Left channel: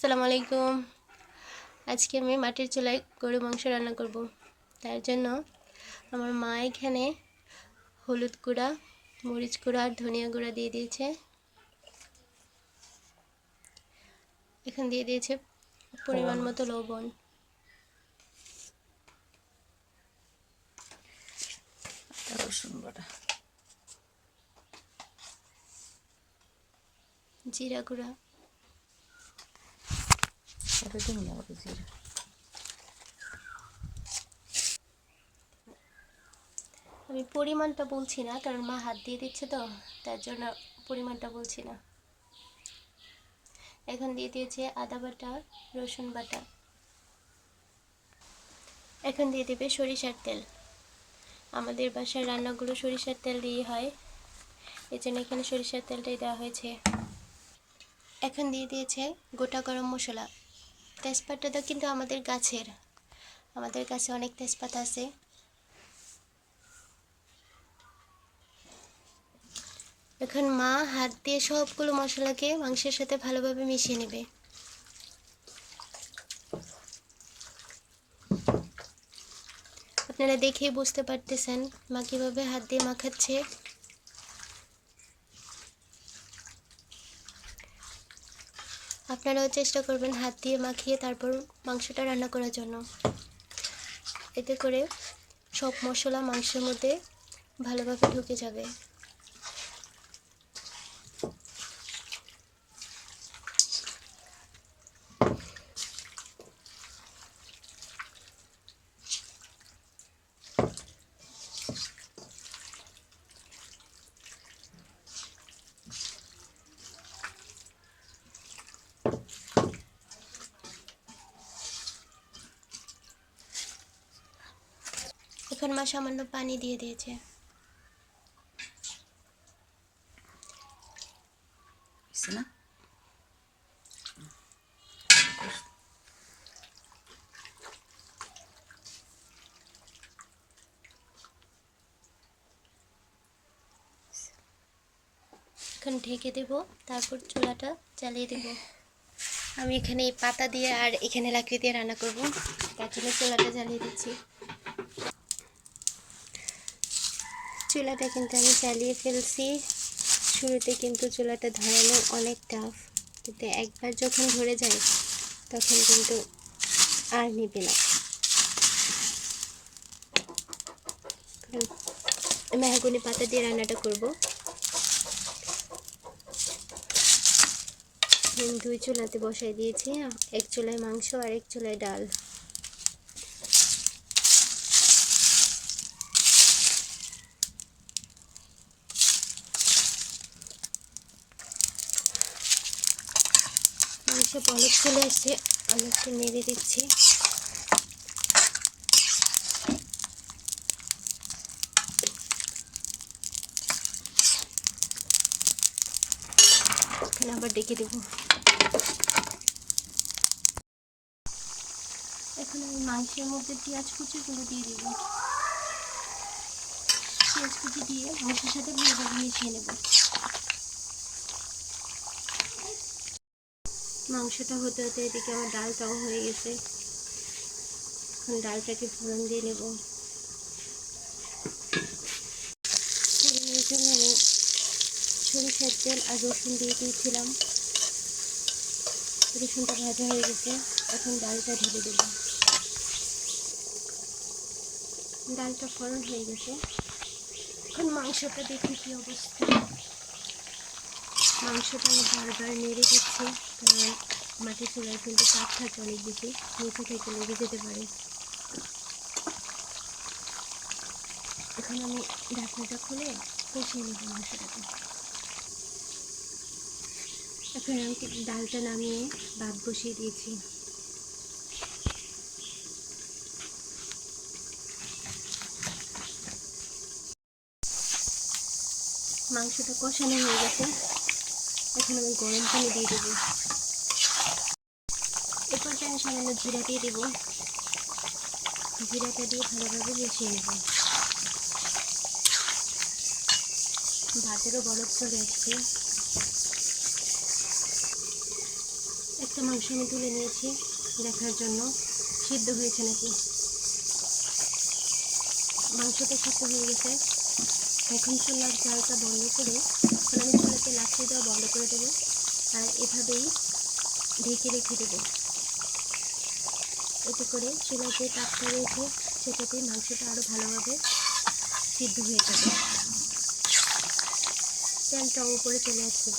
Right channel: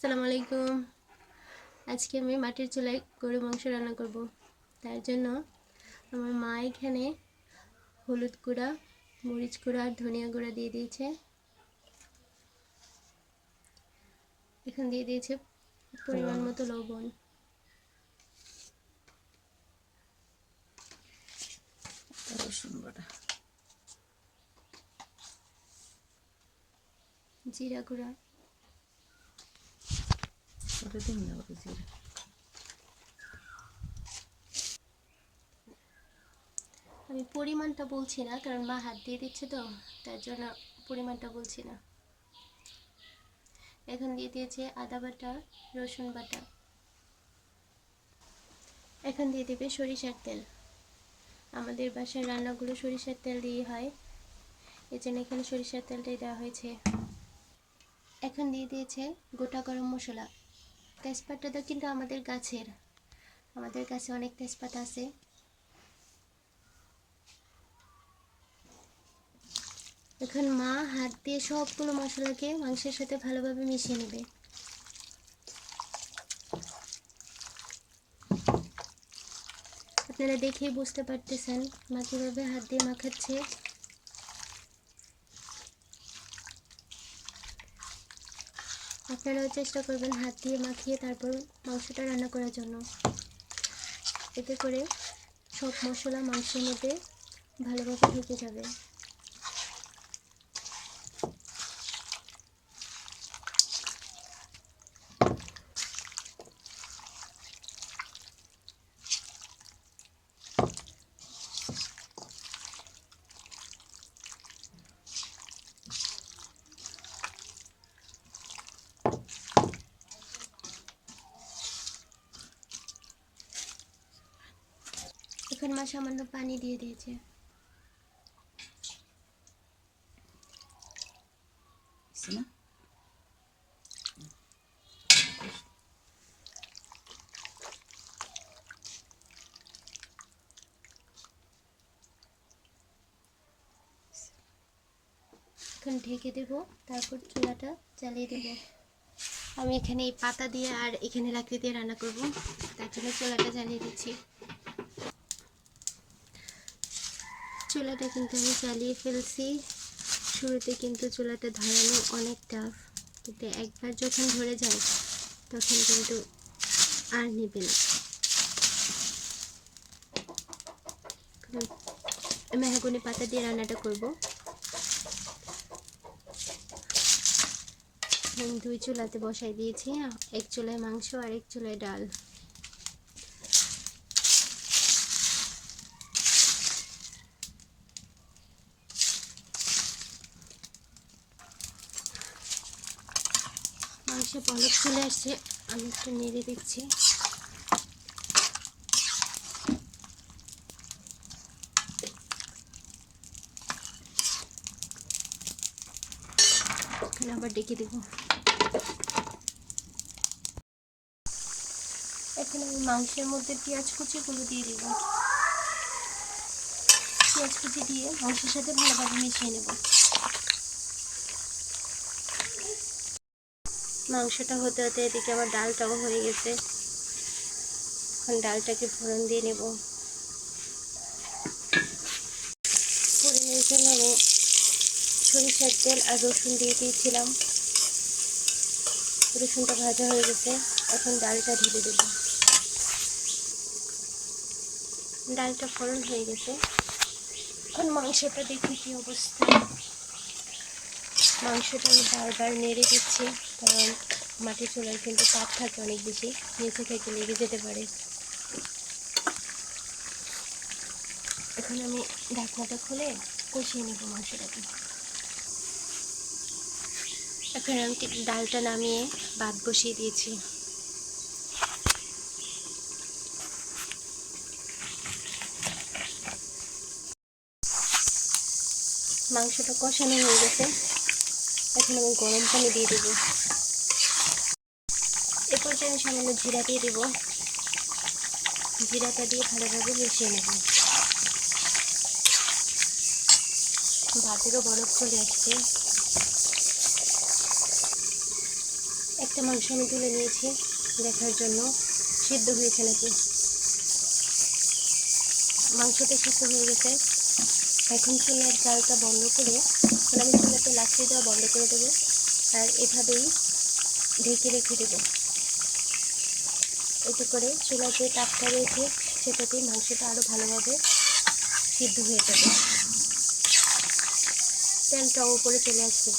আসসালামু আলাইকুম। আজকে আমি মাটির চুলায় গরু মাংস রান্না করব। তার জন্য আমার মা এখানে হলুদ গুঁড়া, মরিচ গুঁড়া আর ধনিয়া গুঁড়া দিয়ে দিয়েছে। এখন দিয়ে দিয়েছে পরিমাণ মতো লবণ। রসুন বাটা, জিরা গুঁড়া, জিরা, আমি পরিমাণটা বলছি না, কারণ মা হাত দিয়ে দিচ্ছে তো, তার জন্য পরিমাণটা বলছি না। এখন দিয়ে দিয়েছে আদা বাটা, রসুন বাটা। এখন দিয়ে দেবে সরিষার তেল। আমাদের বাসার রান্নাগুলো সরিষার তেল দিয়ে হয়, এই জন্য এখানে সরিষার তেলটাই দেওয়া হয়েছে। এখন দিয়ে দিয়েছে গোটা গরম মশলা। তেজপাতাটা কিন্তু আমাদের কাছে অনেক তেজপাতা আছে। এখন মা হাত দিয়ে সবগুলো মশলাকে মাংসের সাথে ভালোভাবে মিশিয়ে নেবে। আপনারা দেখেই বুঝতে পারতেছেন মা কীভাবে হাত দিয়ে মাখাচ্ছে। আপনারাও চেষ্টা করবেন হাত দিয়ে মাখিয়ে তারপর মাংসটা রান্না করার জন্য। এতে করে সব মশলা মাংসের মধ্যে ভালোভাবে ঢুকে যাবে। এখন মা সামান্য পানি দিয়ে দিয়েছে। না এখন ঢেকে দেব, তারপর চুলাটা জ্বালিয়ে দেব। আমি এখানে এই পাতা দিয়ে আর এখানে লাকড়ি দিয়ে রান্না করব, তার জন্য চুলাটা জ্বালিয়ে দিচ্ছি। চুলাটা কিন্তু আমি জ্বালিয়ে ফেলছি। শুরুতে কিন্তু চুলাটা ধরানো অনেক টাফ, কিন্তু একবার যখন ধরে যায় তখন কিন্তু আর নিবে না। মেহগনি পাতা দিয়ে রান্নাটা করব। দুই চুলাতে বসাই দিয়েছি, এক চুলায় মাংস আর এক চুলায় ডাল। মাংস বলক চলে আসছে, আমি একটু নেড়ে দিচ্ছি। এখন আবার ডেকে দেব। এখন আমি মাংসের মধ্যে পেঁয়াজ কুচিগুলো দিয়ে দিব। পেঁয়াজ কুচি দিয়ে মাংসের সাথে ভালোভাবে মিশিয়ে নেব। মাংসটা হতে হতে এদিকে আমার ডালটাও হয়ে গেছে। এখন ডালটাকে ফোড়ন দিয়ে নেব। ফোড়নে এখানে আমি সরিষার তেল আর রসুন দিয়ে দিয়েছিলাম। রসুনটা ভাজা হয়ে গেছে, এখন ডালটা ঢেলে দেব। ডালটা ফোড়ন হয়ে গেছে, এখন মাংসটা দেখি কী অবস্থা। মাংসটা আমি বারবার নেড়ে দিচ্ছি, কারণ মাটির চুলায় কিন্তু চাপ থাকে অনেক বেশি, নিচে থেকে লেগে যেতে পারে। এখন আমি ঢাকনাটা খুলে কষিয়ে নেব মাংসটাকে। এখন আমি ডালটা নামিয়ে ভাত বসিয়ে দিয়েছি। মাংসটা কষানো হয়ে গেছে, এখন আমি গরম পানি দিয়ে দেবো। এ পর্যায়ে আমি সামান্য জিরা দিয়ে দেবো। জিরাটা দিয়ে ভালোভাবে মিশিয়ে নেব। ভাতেরও বরফ চলে আসছে। একটা মাংস আমি তুলে নিয়েছি দেখার জন্য সিদ্ধ হয়েছে নাকি। মাংসটা সিদ্ধ হয়ে গেছে। এখন চুলার জালটা বন্ধ করে, আমি চুলাতে লাকড়ি দেওয়া বন্ধ করে দেবো আর এভাবেই ঢেকে রেখে দেবো। এতে করে চুলার যে তাপটা রয়েছে সেটাতেই মাংসটা আরও ভালোভাবে সিদ্ধ হয়ে যাবে। তেলটাও উপরে চলে আসবে।